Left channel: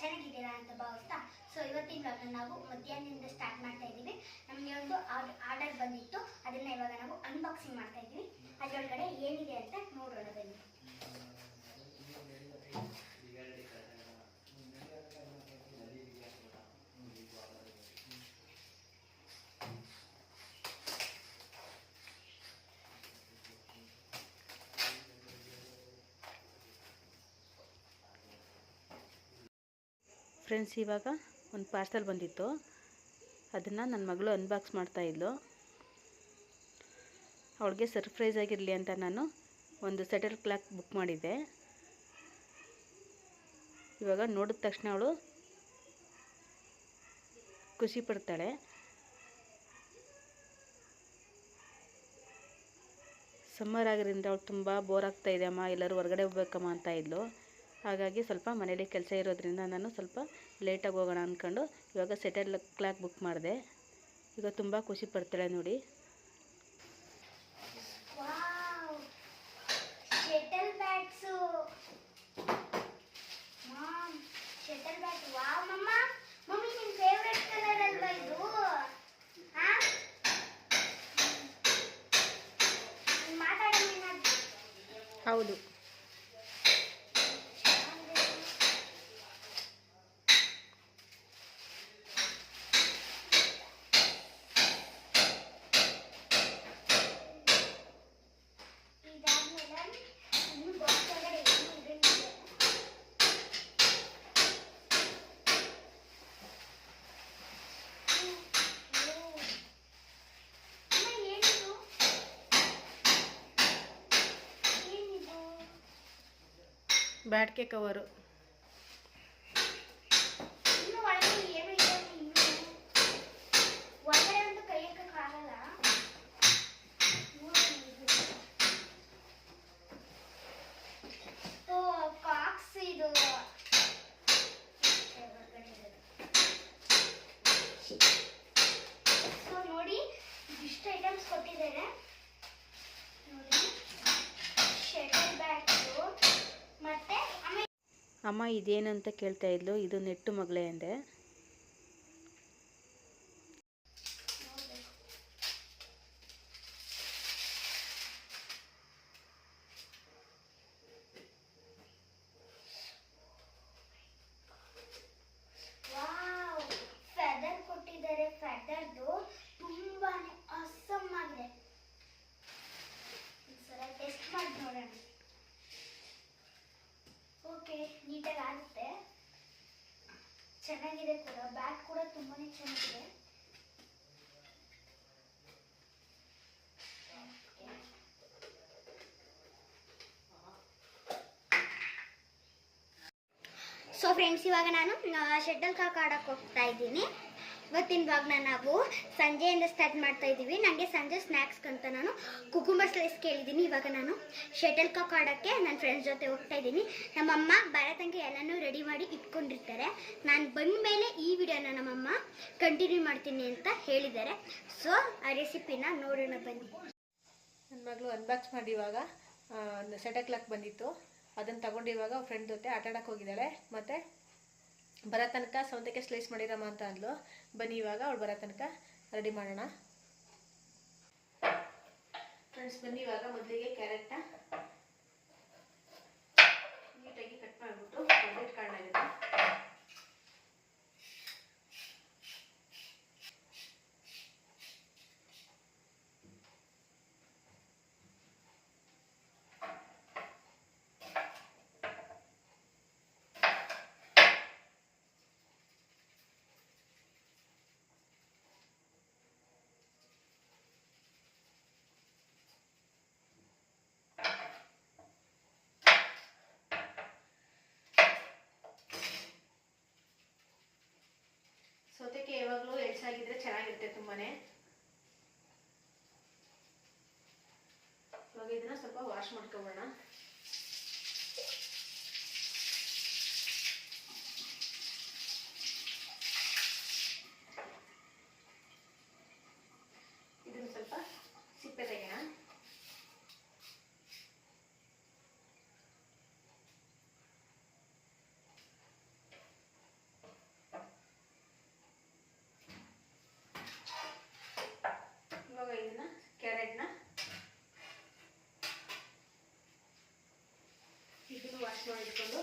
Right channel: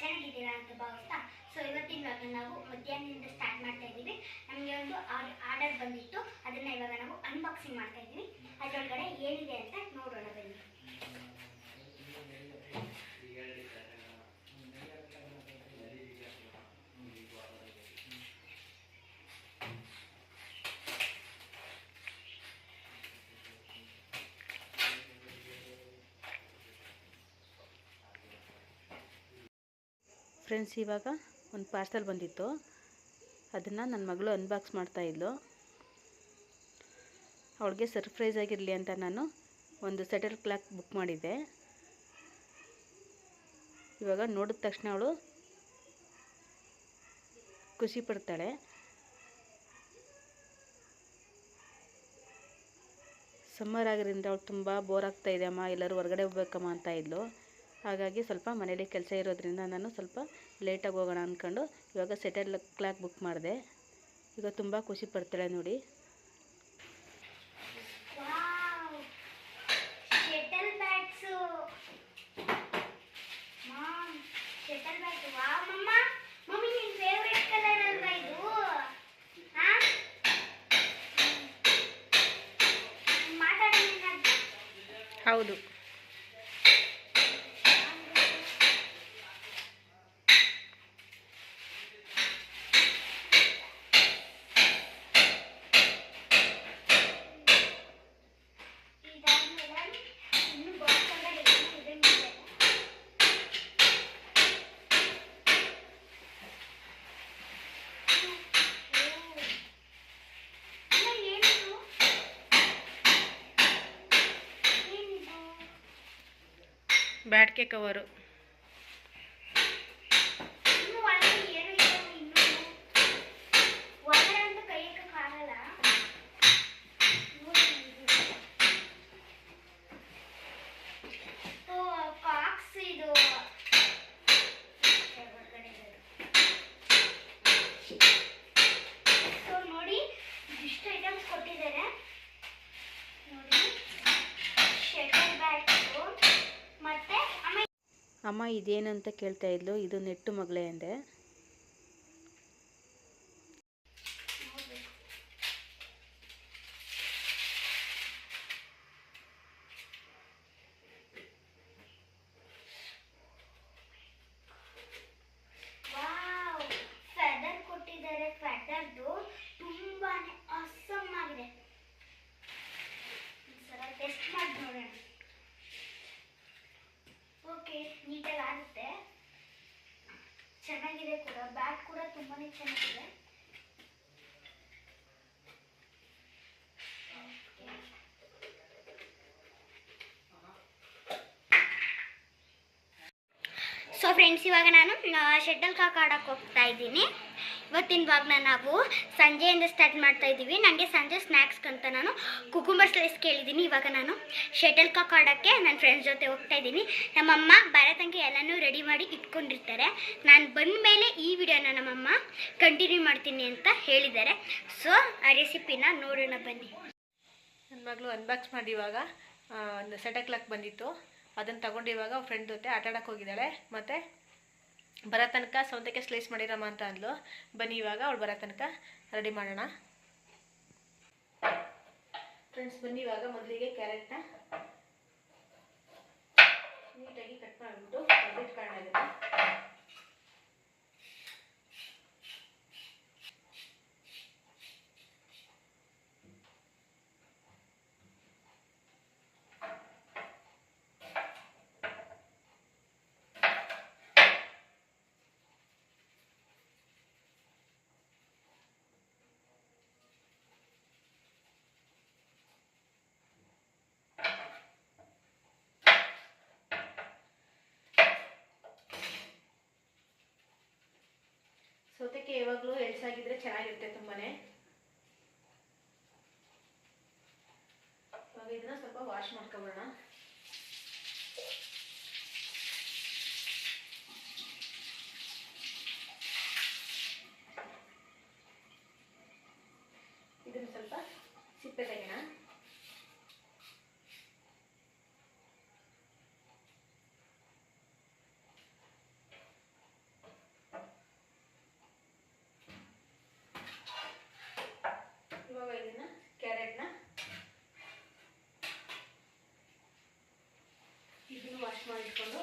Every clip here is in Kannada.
ಚೆನ್ನಾಗಿದ್ದೀರಾ ಅಂತ ಭಾವಿಸ್ತಾ ಸೊ ಇವತ್ತಿನ ಇವಾಗ ನಾವು ಮಧ್ಯಾಹ್ನದಿಂದ ಸ್ಟಾರ್ಟ್ ಮಾಡ್ತಾ ಇದ್ದೀವಿ. ನಮಗೆ ಒಂದು ಆರ್ಡರ್ ಬಂದಿತ್ತು. ಅದನ್ನು ಇವಾಗ ನಾವು ಅನ್ಬಾಕ್ಸಿಂಗ್ ಮಾಡ್ತಾ ಇದ್ದೀವಿ. ಅದರೊಳಗಡೆ ಏನಿದೆ ಅಂತ ನೋಡೋಣ ಬನ್ನಿ. ಫ್ರೆಂಡ್ಸ್, ಇವಾಗ ಒಂದು ಪಾರ್ಸಲ್ ಬಂದಿತ್ತು. ಅದನ್ನು ನನ್ನ ಮಗಳು ಅನ್ಬಾಕ್ಸ್ ಮಾಡ್ತಾಯಿದ್ಲು ಅವಳಿಗೆ ಸರ್ಪ್ರೈಸ್ ಆಗಿರಲಿ ಅಂತ ನಾನು ಒಂದು ಸೆಟಲ್ ಕ್ಲಾಕ್ ಬುಕ್ ಮಾಡಿದ್ದೆ. ಇವಾಗ ನೋಡಿದ ತಕ್ಷಣ ಅವಳು ಖುಷಿ ಪಡ್ತಾಳೆ. ಸಮ್ಮರ್ ಆಗಿರೋದ್ರಿಂದ ಅವಳು ತುಂಬ ಬೋರ್ ಆಗ್ತಾಯಿದೆ ಅಮ್ಮ, ಎಲ್ಲರೂ ಹೊರಗಡೆ ಹೋಗ್ಬೇಕಮ್ಮ ಅಂತ ಇದ್ಲು. ಹಾಗಾಗಿ ಸ್ವಲ್ಪ ಮನೇಲಿ ಕೆಲಸ ಇರೋದ್ರಿಂದ ನಾನು ಸ್ವಲ್ಪ ಲೇಟಾಗಿ ಹೋಗೋಣ ಅಂದ್ಕೊಂಡು ಇವಾಗ ಸೆಟಲ್ ಕ್ಲಾಕ್ ಬುಕ್ ಮಾಡಿದೆ. ಈಗ ತುಂಬ ಖುಷಿ ಪಡ್ತಾಳೆ ನೋಡಿ. ವಾವ್! ಬ್ಯಾಟ್ಗೆ ಕವರು ಅಮ್ಮ ಇದೇನಂತ ಕೇಳ್ತಾ ಇದ್ಲು ಇದು ನೆಟ್ಟು ಮಗಳೇ ಅಂದೆ. ತುಂಬಾನೇ ಚೆನ್ನಾಗಿದೆ. ಸೊ ಫ್ರೆಂಡ್ಸ್ ಇವಾಗ ನಾನು ಶೆಟಲ್ ಕಾಕ್ ಆಡಕ್ಕೆ ಹೋಗ್ತಾ ಇದ್ದೀನಿ. ಇವತ್ತಿನ ಇವಾಗ ನಾವು ಸಂಜೆಯಿಂದ ಸ್ಟಾರ್ಟ್ ಮಾಡ್ತಾ ಇದ್ದೀವಿ. ನನಗೆ ಸಂಜೆ ಸ್ನ್ಯಾಕ್ಸ್ ಅಂತ ನಾನು ಕುಕುಂಬರ್ ಸ್ಲೈಸ್ ಕೇಳಿದ್ದೀನಿ. ಇವಾಗ ನಾನು ಶಟಲ್ ಕಾಕ್ ಆಡೋಕ್ಕೆ ನನ್ನ ಫ್ರೆಂಡ್ಸ್ ಜೊತೆ ಹೋಗ್ತಾ ಇದ್ದೀನಿ. ನಮ್ಮಮ್ಮ ಬರತಂಗೆ ಎಲ್ಲನೂ ರೆಡಿ ಮಾಡಿ ಇಟ್ಕೊಂಡಿರ್ತಾರೆ. ನಾನು ಬಂದ ಮೇಲೆ ಈ ವಿಡಿಯೋನ ನಮ್ಮಮ್ಮ ಕಂಟಿನ್ಯೂ ಮಾಡ್ತೀನಿ ಅಂತ ಹೇಳಿದ್ದಾರೆ. ಸೊ ಆ ರೆಸಿಪಿನ ನೋಡೋಣ ಬನ್ನಿ. ನನ್ನ ಮಗಳು ಅನ್ಬಾಕ್ಸ್ ಮಾಡಿ ಇವಾಗ ಸೆಟಲ್ ಕ್ಲಾಕ್ ಬಂದಿತ್ತು. ಅದನ್ನು ತಗೊಂಡು ಇವಾಗ ಫ್ರೆಂಡ್ ಜೊತೆ ಆಟಾಡೋಕೆ ಹೋಗಿದ್ದಾಳೆ. ಮತ್ತು ಬರೋ ತನಕ ಸೌತೆಕಾಯಿ ಸ್ಲೈಸ್ ಮಾಡಿರಮ್ಮ ಅಂತ ಅಂದ್ಲು. ಬನ್ನಿ ಇವಾಗ, ಅವಳು ಬರೋ ತನಕ ರೆಡಿ ಮಾಡೋಣ. ಫ್ರೆಂಡ್ಸ್ ಬನ್ನಿ ಇವಾಗ ಮೊದಲಿಗೆ ಕ್ಯಾರೆಟ್ನ ನೀಟಾಗಿ ಕಟ್ ಮಾಡಿಬಿಟ್ಟು ಕಾಣಾಗಿದೆ ವಾಶ್ ಮಾಡ್ಕೊಬೋಣ ಇದನ್ನ ಸ್ವಲ್ಪ ಸಿಪ್ಪೆ ತೆಗೆಯೋಣ ಇಟ್ಕೊಂಡು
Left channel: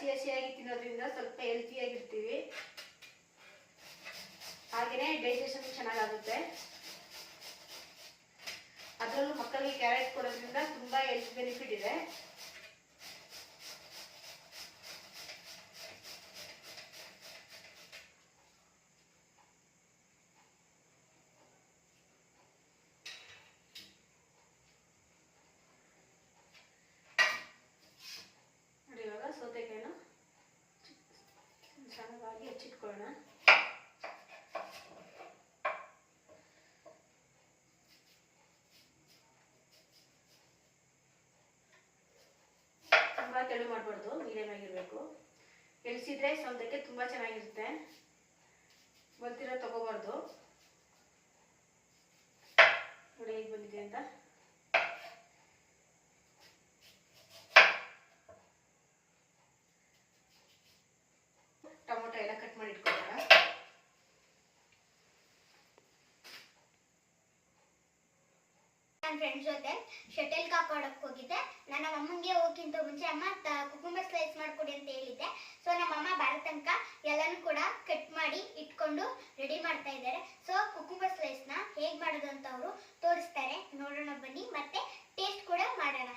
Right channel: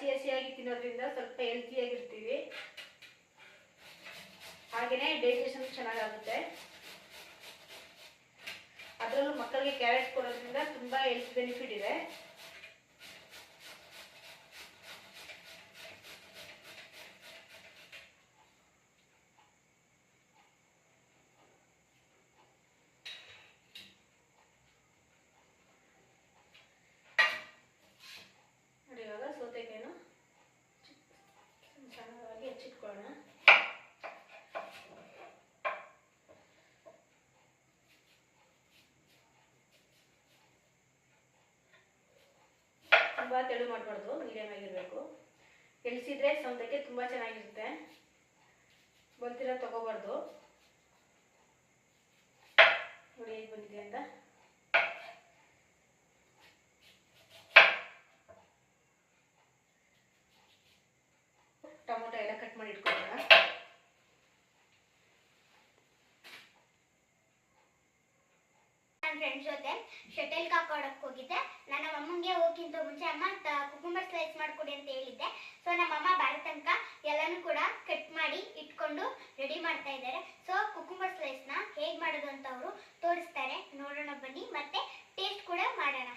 ಹಸಿ ಹಸಿಯಾಗಿ ತಿನ್ನೋದ್ರಿಂದ ಸ್ವಲ್ಪ ಹೆಲ್ತಿಯಾಗಿರ್ತೀವಿ ಹಾಗೆಯೇ ಡೈಜೆಷನ್ ಚೆನ್ನಾಗಾಗುತ್ತೆ. ಅದರಲ್ಲೂ ಮಕ್ಕಳಿಗೆ ಕ್ಯಾರೆಟ್ ಕೊಡೋದ್ರಿಂದ ತುಂಬ ಹೆಲ್ತ್ ಬೆನಿಫಿಟ್ ಇದೆ ನೋಡಿ ಇವಾಗ ಸೌತೆಕಾಯಿನ ಚೆನ್ನಾಗಿ ಹೆಚ್ಚಿಟ್ಕೊಳ್ಳೋಣ ತುಂಬ ತೆಳು ಮಾಡಬಾರ್ದು ಮೀಡಿಯಮ್ ಆಗಿರಬೇಕು ಎಳಿಸಿದ್ರೆ ಸೌತೆಕಾಯಿ ತುಂಬ ಚೆನ್ನಾಗಿರುತ್ತೆ. ಬಂತಿರೋ ತಗೋಬಾರ್ದು. ನೋಡಿ ಹೇಗೆ ಬಂದಿದೆ ಅಂತ ಟೊಮೊಟೊ ಎಲ್ಲ ಕಟ್ ಮಾಡಿ ಇಟ್ಕೊಳ್ಳೋಣ ನನ್ನ ಫ್ರೆಂಡ್ಸ್ ಜೊತೆ ಶಟಲ್ ಕಾಕ್ ಆಡೋಕ್ಕೆ ಹೋಗಿದ್ದೆ. ನನ್ನ ಅಮ್ಮಂಗೆ ಹೋಗಿಂತ ಮುಂಚೆ ಅಮ್ಮ ಕುಕುಂಬರ್ ಸ್ಲೈಸ್ ಮಾಡ್ಕೊಡಿ ಅಂತ ಹೇಳಿದ್ದೆ. ಸೊ ನಮ್ಮ ಅಮ್ಮ ಬಾಳ ತನಕ ಎಲ್ಲಾನು ಕೂಡ ಕಟ್ ಮಾಡಿ ಇಟ್ಕೊಂಡು ರೆಡಿ ಮಾಡ್ತಾ ಇದ್ದಾರೆ. ಸೊ ಕುಕುಂಬರ್ ಸ್ಲೈಸ್ನ ಹೇಗ್ ಮಾಡೋದು ಅಂತ ಅವರು ತೋರಿಸ್ತಾರೆ. ನೋಡೋಣ ಬನ್ನಿ. ಮತ್ತೆ ಟೇಸ್ಟ್ ಕೂಡ ಮಾಡೋಣ.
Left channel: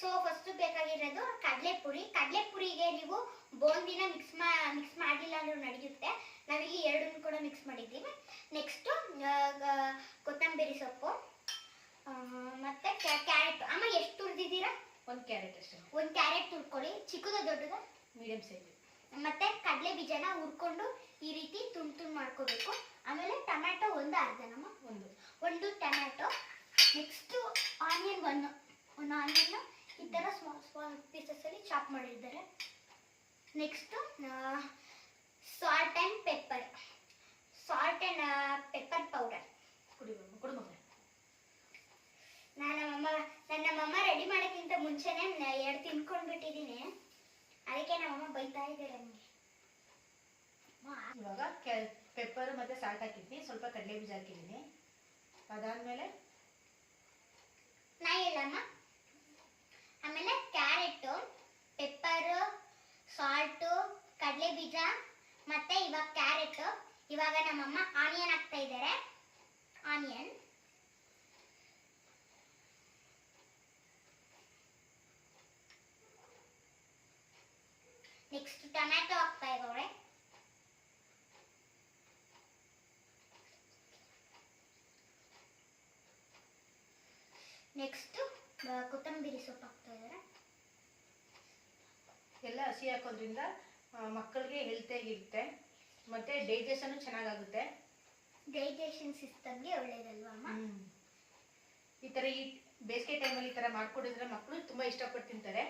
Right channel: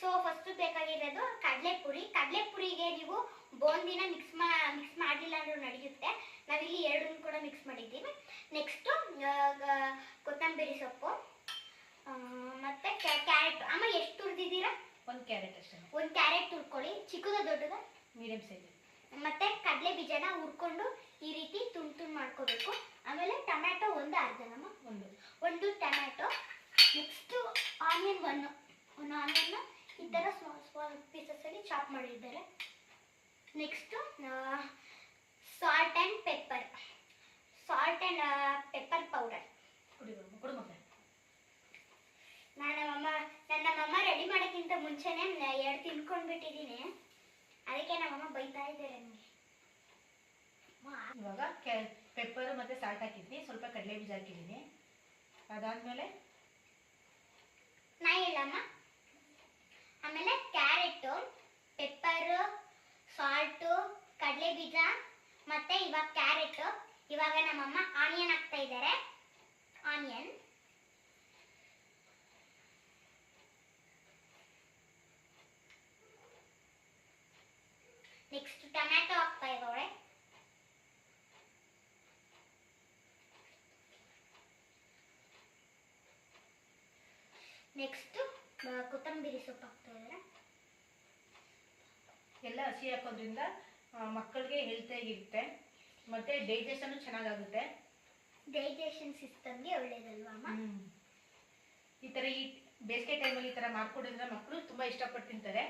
ಸೊ ಫಸ್ಟ್ ಬೇಕಾಗಿರೋದು ಕಡಲೆಪುರಿ. ಕಡಲೆಪುರಿಗೆ ನೀವು ಬೋಂದಿನ ಮಿಕ್ಸ್ ಮಾ ಮಿಕ್ಸ್ ಮಾಡಲಿಲ್ಲ ಅಂದ್ರೂ ನಡೆಯುತ್ತೆ. ನಾವಿಲ್ಲಿ ಎರಡನ್ನು ಕೂಡ ಮಿಕ್ಸ್ ಮಾಡಿದ್ದೀವಿ. ನೆಕ್ಸ್ಟು ಕೊತ್ತಂಬರಿ ಸೊಪ್ಪು. ಮತ್ತೆ ಕ್ಯಾರೆಟ್. ಅಮ್ಮ ಎಷ್ಟು ತುರಿದಿದ್ದೀರಾ? ಒಂದು ಕ್ಯಾರೆಟ್ ಅಷ್ಟೇ. ಒಂದು ಕ್ಯಾರೆಟ್ ತುರ್ಕೊಳ್ಳಿ. ಚಿಕ್ಕದ ದೊಡ್ಡದ? Medium size. ಮತ್ತೆ ಕಡಲೆ ಬೀಜನ ಹುರ್ಕೊಂಡು ಈ ರೀತಿ ತುಂಡು ತುಂಡು ಮಾಡ್ಕೋಬೇಕು. ಆಮೇಲೆ ಟೊಮ್ಯಾಟೊ ಒಂದು ಅರ್ಧನಮ್ಮ. ಒಂದು. ಒಂದು ಟೊಮ್ಯಾಟೊ. ನೆಕ್ಸ್ಟು ಆನಿಯನ್ ಒಂದು. ಒಂದು ಆನಿಯನ್ನ ಈ ಥರ ಸ್ಮಾಲ್ ಸ್ಮಾಲ್ ಪೀಸಸಲ್ಲಿ ಚಾಪ್ ಮಾಡಿದ್ದಾರೆ. Next salt and pepper salt and pepper powder ನಾನು ನಮ್ಮಮ್ಮ ನನ್ನ ನಮ್ಮಮ್ಮ ರೆಡಿ ಮಾಡೋಕ್ಕಿಂತ ಮುಂಚೆನೇ ಎರಡು ತಿನ್ಕೊಂಡ್ಬಿಟ್ಟಿದ್ದೀನಿ. ಅದಕ್ಕೆ ನಮ್ಮಮ್ಮ ಬೈತಾ ಇದ್ದಾರೆ ನನಗೆ. ಇವಾಗ ಕೆ ಪೆಪ್ಪರು ಮತ್ತು ಸಾಲ್ಟ್ ಹಾಕಿದ್ದೀನಿ. ಸ್ವಲ್ಪ ಕಡಲೆ ಬೀಜ ಹಾಕಿದ್ದೀನಿ. ಅದಾದಮೇಲೆ? ನಾಯಿ ಹೇಳಮ್ಮ ಆಮೇಲೆ ಕ್ಯಾರೆಟು ಪೆಪ್ಪರು ಸಾಲ್ಟು ಕಡಲೆ ಬೀಜ ಮತ್ತೆ ಇವಾಗ ಕ್ಯಾರೆಟ್ ಇವಾಗ ನಮ್ಮಮ್ಮ ಆನಿಯನ್ ಹಾಕ್ತಾ ಇದ್ದಾರೆ. ಆನಿಯನ್. ನೆಕ್ಸ್ಟ್ ಟೊಮ್ಯಾಟೊ ಹಾಕ್ತಾ ಇದ್ದಾವೆ ನೆಕ್ಸ್ಟ್ ಕೊತ್ತಂಬರಿ ಸೊಪ್ಪು ಹಾಕ್ತಾ ಇದ್ದಾರೆ. ಎಲ್ಲ ಹಸಿ ಹಾಕೋದ್ರಿಂದ ಮಕ್ಕಳಿಗೆ ಹೆಲ್ತಿಯಾಗಿರುತ್ತೆ ಮತ್ತು ಡೈಜೆಷನ್ ಚೆನ್ನಾಗಾಗುತ್ತೆ. ಡೈಜೆಷನ್ ಸಿಸ್ಟಮ್ಗೆ ಒಳ್ಳೇದಲ್ವಾ ಅಮ್ಮ? ಈ ಥರ ಈ ಬೇಸಿಗೆ ಟೈಮಲ್ಲಿ ಈ ಥರ ಮಾಡ್ಕೊಡಿದ್ರೆ ಮಕ್ಕಳು ತುಂಬ ಇಷ್ಟಪಟ್ಟು ತಿಂತಾರೆ.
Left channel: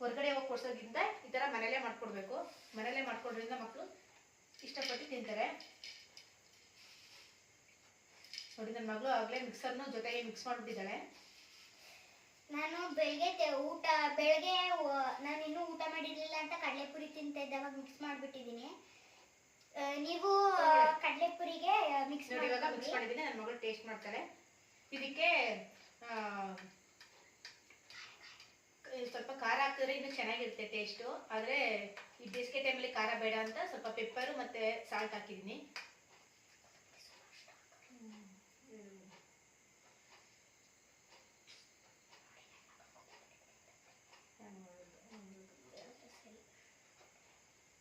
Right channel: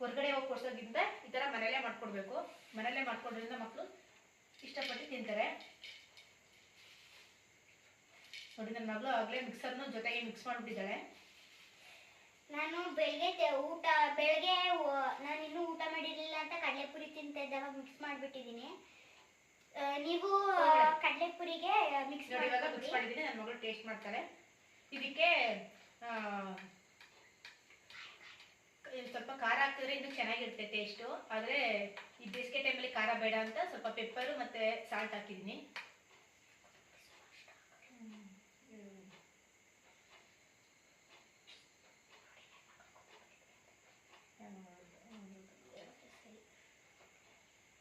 ಹೊರಗಡೆ ಹೋಗಿ ಕೊಡ್ಸೋದ್ರಿಂದ ಈ ಥರ ಮನೆಯಲ್ಲೇ ಮಾಡ್ಕೊಡ್ಬೇಕು. ಮನೆಯಲ್ಲೇ ಮಾಡ್ಕೊಡೋದ್ರಿಂದ ಮಕ್ಕಳು ಇಷ್ಟಪಟ್ಟು ತಿಂತಾರೆ. ನೋಡಿ ನನ್ನ ಮಗಳು ಆಗಲೇ ಮಿಕ್ಸರ್ನ ಜೊತೆಗೆ ಮಿಕ್ಸ್ ಮಾಡಿಬಿಟ್ಟಿದ್ದಾಳೆ. ನಾನು ಬೆಳಗ್ಗೆ ತೆ- ಊಟ ಬೆಳಗ್ಗೆ ನಾನು ಇನ್ನೂ ಊಟ ಮಾಡಿರ್ಲಿಲ್ಲ ಅಂತ ಕಡಲೆಪುರಿ ತಿಂತಾ ಇದ್ದಾಗ ಮಿಕ್ಸ್ ಮಾಡಿಬಿಟ್ಟಿದ್ದೀನಿ. ನೀವು ಕಡಲೆ ಕಡಲೆಪುರಿಗೆ ಮಿಕ್ಸ್ ನೋಡಿ ಇವಾಗ ಮಿಕ್ಸ್ ಮಾಡಿ ಮಾಡಿದ್ದೀನಿ ನನ್ನ ಮಗಳು ಟೇಸ್ಟ್ ಮಾಡ್ತಾಳೆ ಇದಕ್ಕೆ ಸ್ವಲ್ಪ ಖಾರ ಹಾಕಿದ್ರೆ ಇನ್ನೂ ಚೆನ್ನಾಗಿರುತ್ತೆ ಟೇಸ್ಟು ಆದರೆ ಈ ಬೇಸಿಗೆ ಟೈಮಲ್ಲಿ ಖಾರ ಬೇಡ ಅಂತ ಸ್ವಲ್ಪ ಪೆಪ್ಪರು ಮತ್ತು ಸಾಲ್ಟ್ ಹಾಕಿದ್ದೀನಿ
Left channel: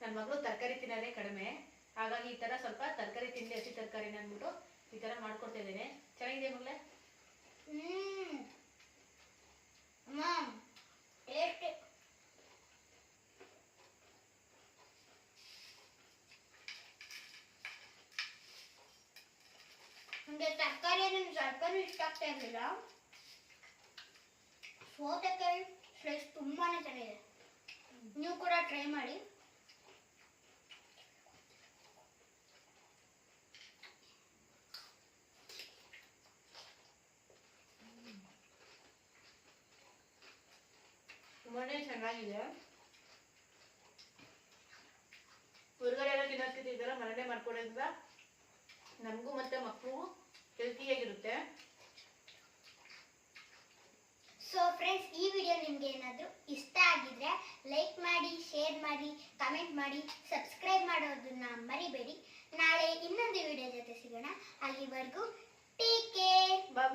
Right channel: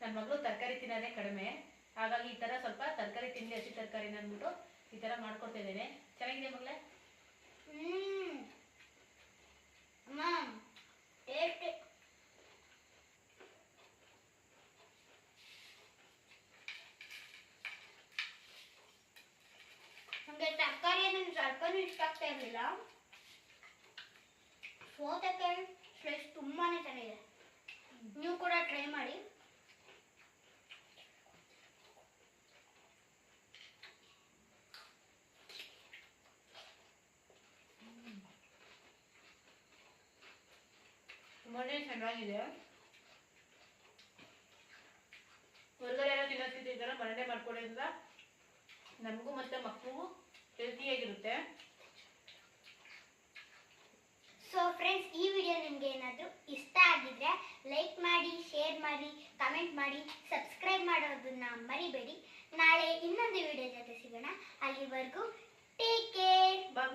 ನನ್ನ ಮಗಳು ತರಕಾರಿ ತಿನ್ನೋದೇ ಕಡಿಮೆ ಹಾಗಾಗಿ ಈ ಥರ ಸ್ವಲ್ಪ ತರಕಾರಿ ತಿನ್ನಲಿ ಹಸಿ ತರಕಾರಿನ ಅಂದ್ಬಿಟ್ಟು ಈ ಥರ ಮಾಡ್ಕೊಡ್ತಾ ಇದ್ದೇನೆ. ಚೆನ್ನಾಗಿದೆ ಮಗಳೇ? ನನಗೆ ತರಕಾರಿ ಅಂದ್ರೆ ಸ್ವಲ್ಪನೂ ಇಷ್ಟ ಆಗ್ತಾ ಇರಲಿಲ್ಲ. ಸೌತೆಕಾಯಿ ತುಂಬಾ ಚೆನ್ನಾಗಿದೆ. ನೀವು ಕೂಡ ಟ್ರೈ ಮಾಡಿ. ತುಂಬಾನೇ ಚೆನ್ನಾಗಿದೆ. ಹೊರಗಡೆ ಎಲ್ಲ ತಿನ್ನೋದ್ಕಿಂತ ಮನೆಯಲ್ಲೇ ಮಾಡ್ಕೊಳ್ಳೋದ್ರಿಂದ ನಮಗೂ ಮತ್ತೆ ಮಕ್ಕಳಿಗೂ ಹೆಲ್ತಿಯಾಗಿರುತ್ತೆ ಸೊ ಫ್ರೆಂಡ್ಸ್ ಈ ವಿಡಿಯೋ ನಿಮಗೆ ಏನಾದರೂ ಇಷ್ಟ ಆಗಿದ್ರೆ ಲೈಕ್ ಮಾಡಿ ಶೇರ್ ಮಾಡಿ ಕಮೆಂಟ್ ಮಾಡಿ ಸಬ್ಸ್ಕ್ರೈಬ್ ಮಾಡೋದನ್ನ ಮರಿಬೇಡಿ. ನಾಳೆ ಇನ್ನೊಂದು ವಿಡಿಯೋ ಜೊತೆ ಸಿಗೋಣ. ಅಲ್ಲಿವರೆಗೂ ಟೇಕ್ ಕೇರ್. ಬಾಯ್